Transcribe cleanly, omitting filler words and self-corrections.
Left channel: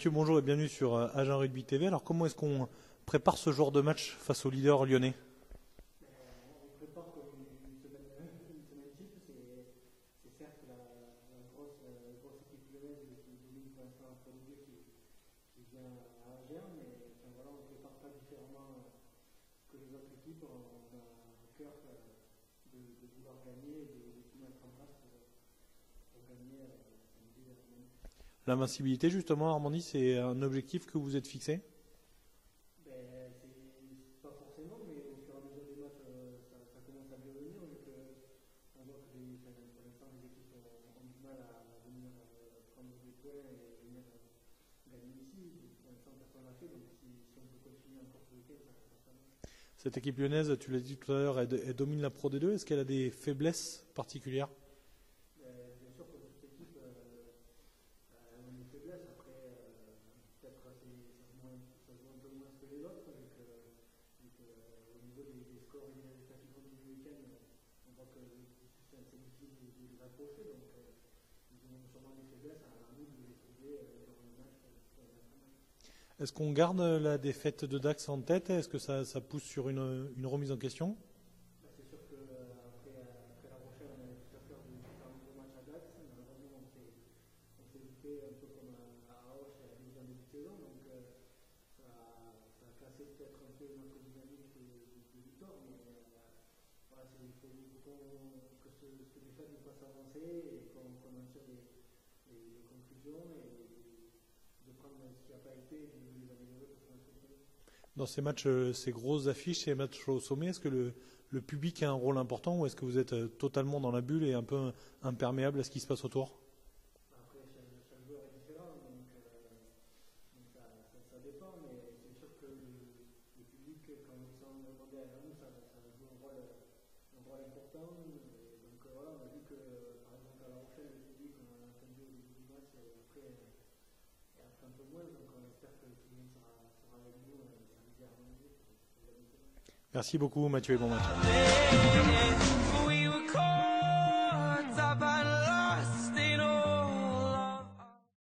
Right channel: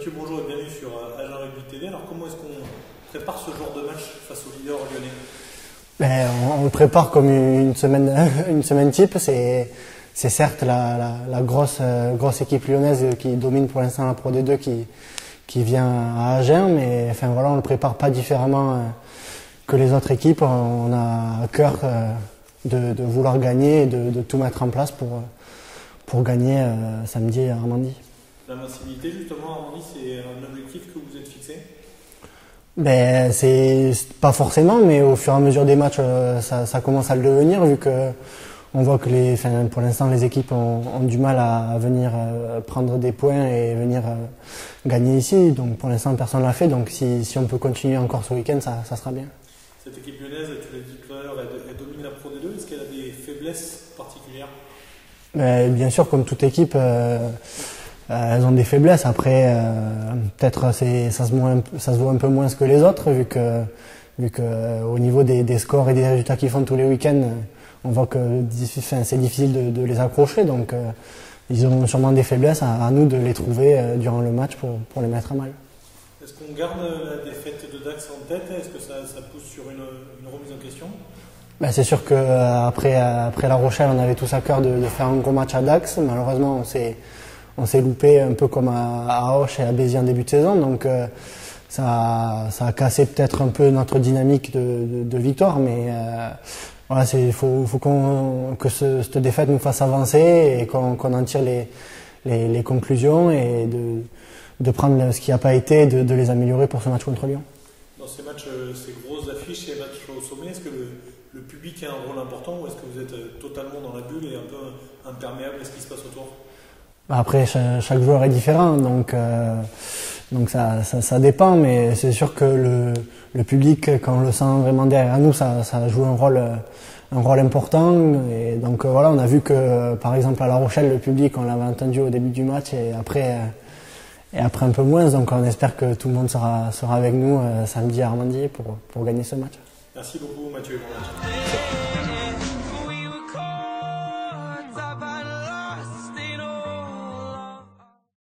Mathieu, bonjour et bienvenue sur Agen Rugby TV. Alors comment est-ce qu'on prépare ce genre de match face au leader lyonnais? On le prépare comme une semaine type. C'est certes la grosse équipe lyonnaise qui domine pour l'instant la Pro D2 qui vient à Agen, mais enfin, voilà, on ne le prépare pas différemment que les autres équipes. On a à cœur de vouloir gagner et de tout mettre en place pour gagner samedi à Armandie. L'invincibilité justement à Armandie, c'est un objectif que vous êtes fixé? C'est pas forcément, mais au fur et à mesure des matchs, ça commence à le devenir, vu que on voit que pour l'instant les équipes ont du mal à venir prendre des points et venir gagner ici. Donc pour l'instant personne ne l'a fait, donc si on peut continuer encore ce week-end, ça sera bien. Cette équipe lyonnaise, tu l'as dit tout à l'heure, elle domine la Pro D2. Est-ce qu'elle a des faiblesses particulières? Bien sûr, comme toute équipe, elles ont des faiblesses. Après, peut-être ça se voit un peu moins que les autres, vu que au niveau des scores et des résultats qu'ils font tous les week-ends, on voit que c'est difficile de les accrocher. Donc ils ont sûrement des faiblesses, à nous de les trouver durant le match pour les mettre à mal. Est-ce qu'on garde la défaite de Dax en tête? Est-ce que ça pousse sur une remise en question? C'est sûr qu'après La Rochelle, on avait tous à cœur de faire un gros match à Dax. Malheureusement, on s'est loupé un peu comme à Auch et à Béziers en début de saison. Donc ça a cassé peut-être un peu notre dynamique de victoire. Mais voilà, il faut que cette défaite nous fasse avancer et qu'on en tire les conclusions et de prendre ce qui n'a pas été, de les améliorer pour ce match contre Lyon. Dans ces matchs, ces grosses affiches, ces matchs au sommet, est-ce que le public a un rôle important ou est-ce que vous êtes totalement dans la bulle et un peu imperméable à ce qui se passe autour? Après, chaque joueur est différent, donc ça dépend, mais c'est sûr que le public, quand on le sent vraiment derrière nous, ça joue un rôle important. Et donc voilà, on a vu que par exemple à La Rochelle, le public, on l'avait entendu au début du match et après un peu moins. Donc on espère que tout le monde sera avec nous samedi à Armandie pour gagner ce match. Merci beaucoup Mathieu. Bon match.